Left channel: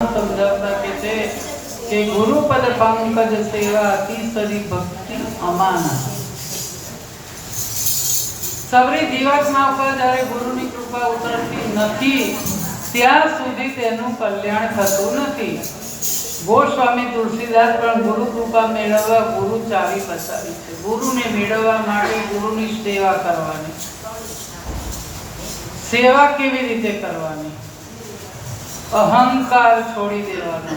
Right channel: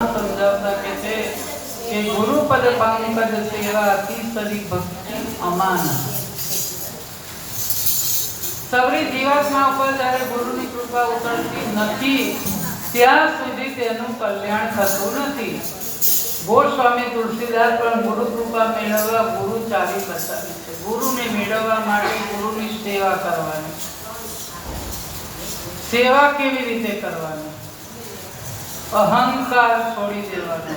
समझाता कहते कि गुरु पद पंकज सेवा तीसरी भक्ति अमान। સબરી જીવાત્મા ઉપર જ્યારે ગુરુની કૃપા ઉતરતી નથી ત્યાં સુધી તેનું કલ્યાણ થતું નથી। ગોસ્વામી તુલસીદાસ પણ ગુરુ કૃપા મેળવવા ગુરુ ચાવી બતાવી છે। ગુરુને મેળવવા માટે ગુરુની સેવા કરવાની। સેવા કેવી રીતે કરવાની? અહંકાર છોડી દેવાનો।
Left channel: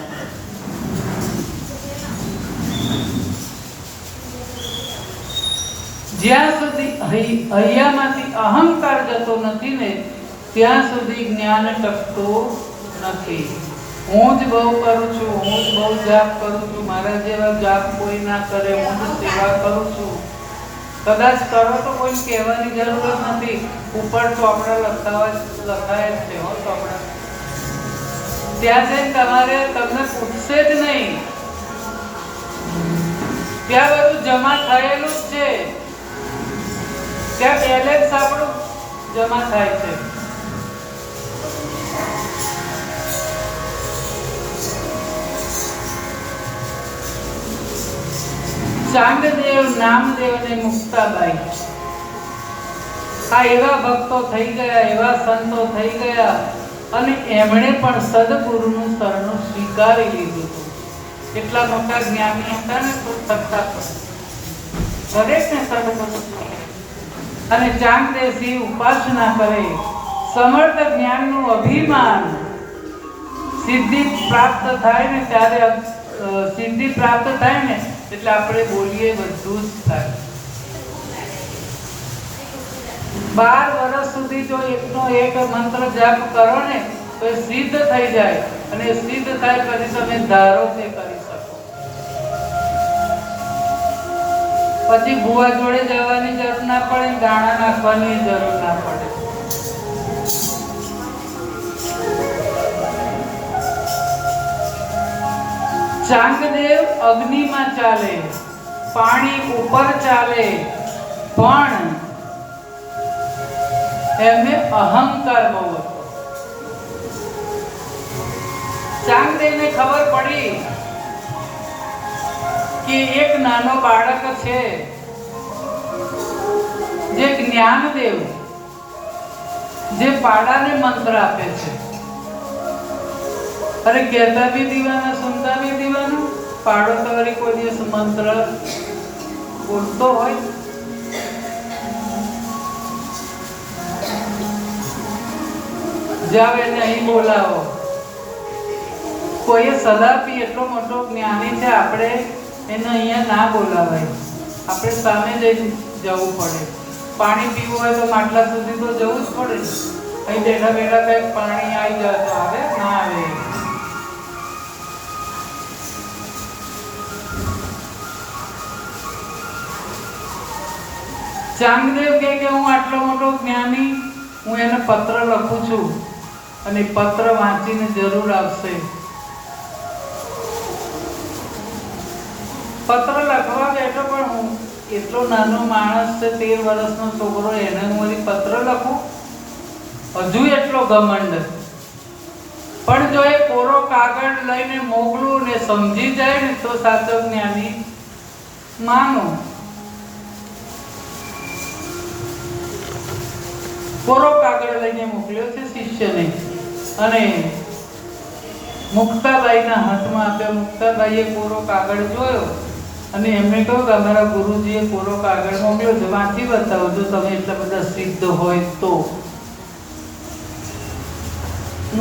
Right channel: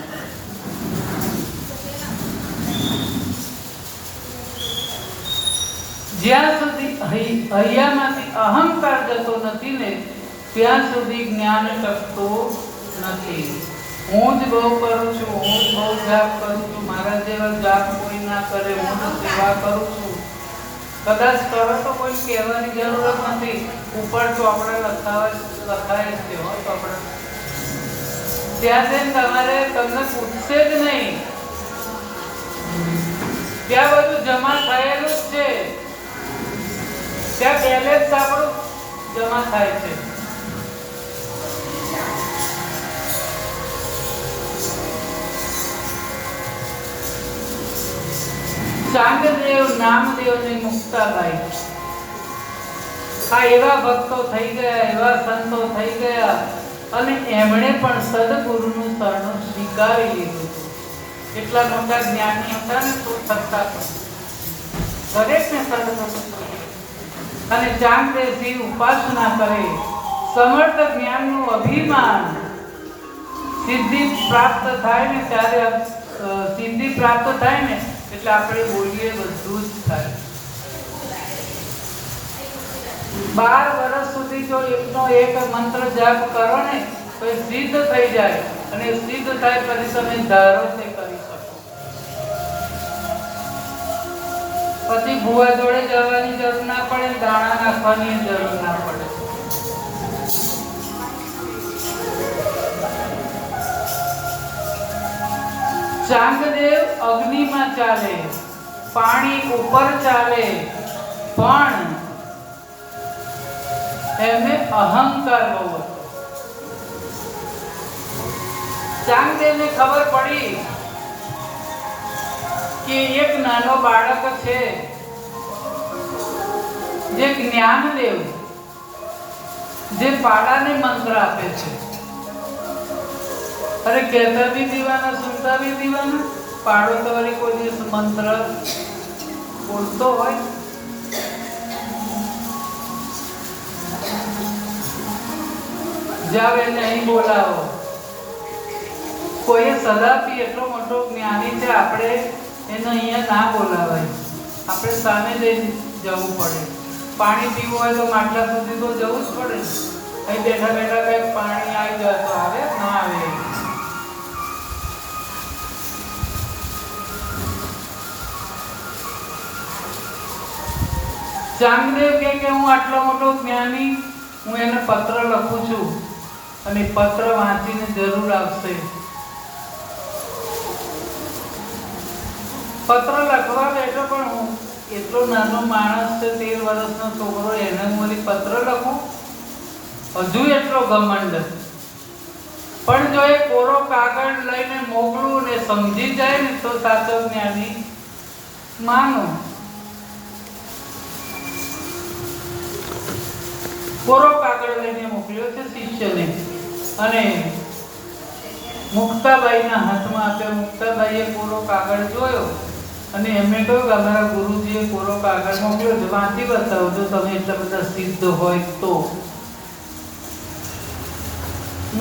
જ્યાં સુધી હૈયામાંથી અહંકાર જતો નથી ને ત્યાં સુધી જ્ઞાન ટકતું નથી। હું જ બહુ કરું છું, હું જ બહુ જાપ કરું છું, મારા જેવા જાપ કોઈ ના કરે, હું જ સેવા કરું છું। કદાચ કરો તો કોઈ કહેવાની જરૂર નથી, ઉપર ચોપડા લખાય જ છે ચોપડા। ત્યાં જઈને તમને પૂછશે જ નહીં, ત્યાં બધું જમા થયેલું જ છે। ત્યાં બેલેન્સ આપણું જમા થાય છે। ચાંગદેવ, નામદેવ ને મુક્તાબાઈ આ એવા ભક્તો થઈ ગયા, એવા સંતો થઈ ગયા અને એમણે પણ સદગુરુનું શરણું સ્વીકારી લીધું હતું। એટલા મોટા જ્ઞાની હતા ને તો સત્તા દરેકને સદગુરુ અને ચાંગદેવજી ઉપાસના કરે, સમર્થ જ્ઞાનનું અભિમાન, સિદ્ધિ પ્રાપ્ત થાય ને ત્યારે સિદ્ધિ પ્રાપ્ત થાય ને એટલે આપણે બોલીએ બધું જ થાય। 12 વર્ષ સુધી જો એકનો એક મંત્ર જાપ કરો ને તો એ સિદ્ધ થઈ જાય અને સિદ્ધ થાય પછી તમે ધારો તે કરી શકો। પછી ભુવા જોડે જવાની જરૂર ના પડે, દાણા નાખવાની જરૂર ના પડે। ચાંગદેવ અગ્નિમાં ચાલે, પાણી ઉપર ચાલે, પણ એમને અહંકાર બહુ હતો। ચાંગદેવને ખબર પડી કે એક નાનો બાળક છે જે જ્ઞાનદેવ જે પાડાને મંત્ર આપે છે। અરે કહેતા भी दीवाना, सुनता भी दीवाना। पाड़ो तो वाली कोई દિવસ મંત્ર બોલતો હોય? જાવ એને અહીં બોલાવો। કોઈએ સલાહ આપી, એટલો મોટો જ્ઞાની છે, આપણે એને અહીંયા ના બોલાવાય, આપણે સામે જવું પડે। પાણી પીવું હોય તો માટલા સુધી તો જવું જ પડે। અહીં બેઠા બેઠા બે પાણી આવી જાય તો આવે ના આવે? ચાંગદેવ કહે કે હું આટલો મોટો જ્ઞાની, હું એને પત્ર લખું છું અને પત્ર વાંચીને જરૂર આવશે। પત્ર લખવા બેઠો પણ હું એટલો નાનો માણસ છે, 13 વર્ષનો છોકરો, એને હું પત્ર લખું? હજુ એટલો ઘમંડ। પણ જો એ કોરો કાગળ લઈને મોકલું ને સમજી જાય ને તો સાચો જ્ઞાની માનો। કોરો કાગળ લઈને મોકલ્યો છે શિષ્યને અને મુક્તાબાઈના હાથમાં આપ્યો। મુક્તાબાઈએ કોરો કાગળ જોયો અને એમને કહ્યું કે અમારા ગુરુજીએ કોરો કાગળ મોકલ્યો છે, વાંચી બતાવો જો તમે એટલા બધા સિદ્ધ હોય તો।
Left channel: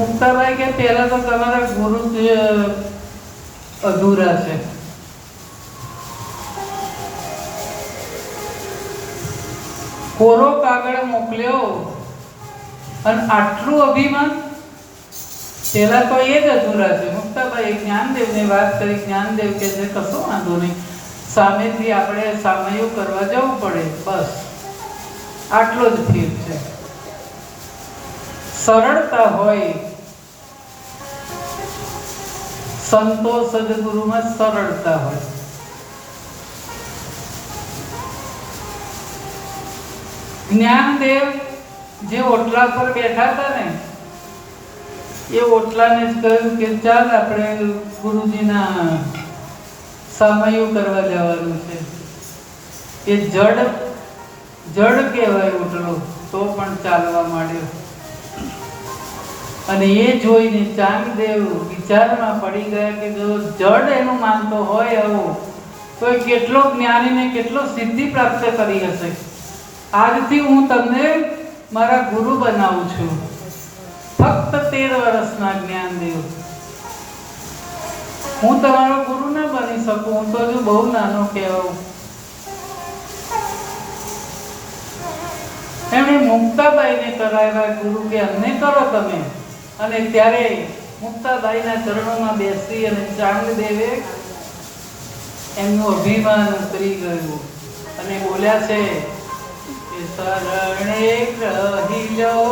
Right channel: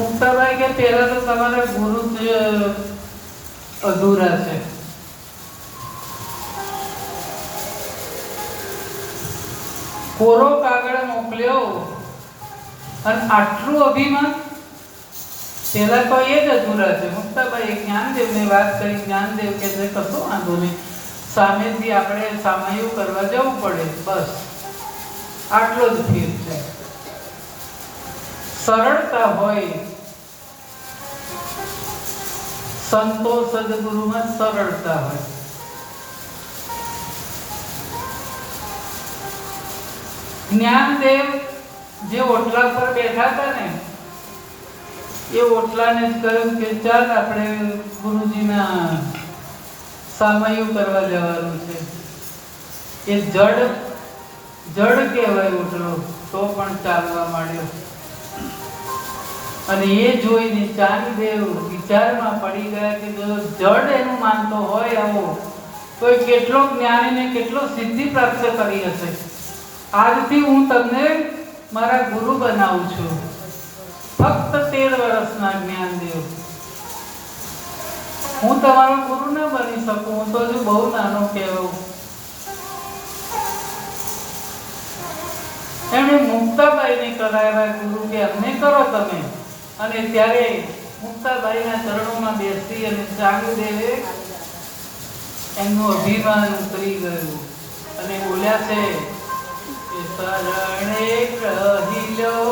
મુક્તાબાઈ કે પહેલા તો તમારા ગુરુ અધૂરા છે। કોરો કાગળ મોકલ્યો અને આટલું અભિમાન? પેલા તો એ જ અધૂરા છે। મુક્તાબાઈ જ્ઞાનદેવને વાત કરી, જ્ઞાનદેવ કે છે કશો વાંધો નહીં, સામેથી આપણે સામયું કરવા જવું પડે, બસ આટલો જ ફેર છે। સરળતા હોય, સંતો સદગુરુમાં સરળતા હોય। જ્ઞાનદેવ જે ઓટલા પર બેઠા હતા ને એ ઓટલાને જ કહ્યું કે ચાલ આપણે ગુરુજીના સામયું કરવા જવાનું છે. એ જડ કહેવાય ઓટલો, તો પણ ચાલવા માંડ્યો. અને એ જોઈને ચાંગદેવ વિચારમાં પડી ગયા કે જો જડ એનું માનતો હોય આવો, તો એ કેટલો જ્ઞાની ને કેટલો સિદ્ધિ પ્રાપ્ત કરી હશે. આજથી હું તમને મારા ગુરુ બનાવું છું. ફક્ત 13 વર્ષના જ્ઞાનદેવ. હું તમારો ગુરુ ના બની શકું, હું તો હજુ બહુ નાનો કહેવાઉં. એમણે મુક્તાબાઈને કરાવ્યા ગુરુ કે અમને કરો તમે. અને ત્યારે મુક્તાબાઈના ચરણોમાં બેસી અને ચાંગદેવે એમનું અભિમાન ઉતરી ગયું અને બોલ્યા છે કે શરણે રહી જાઓ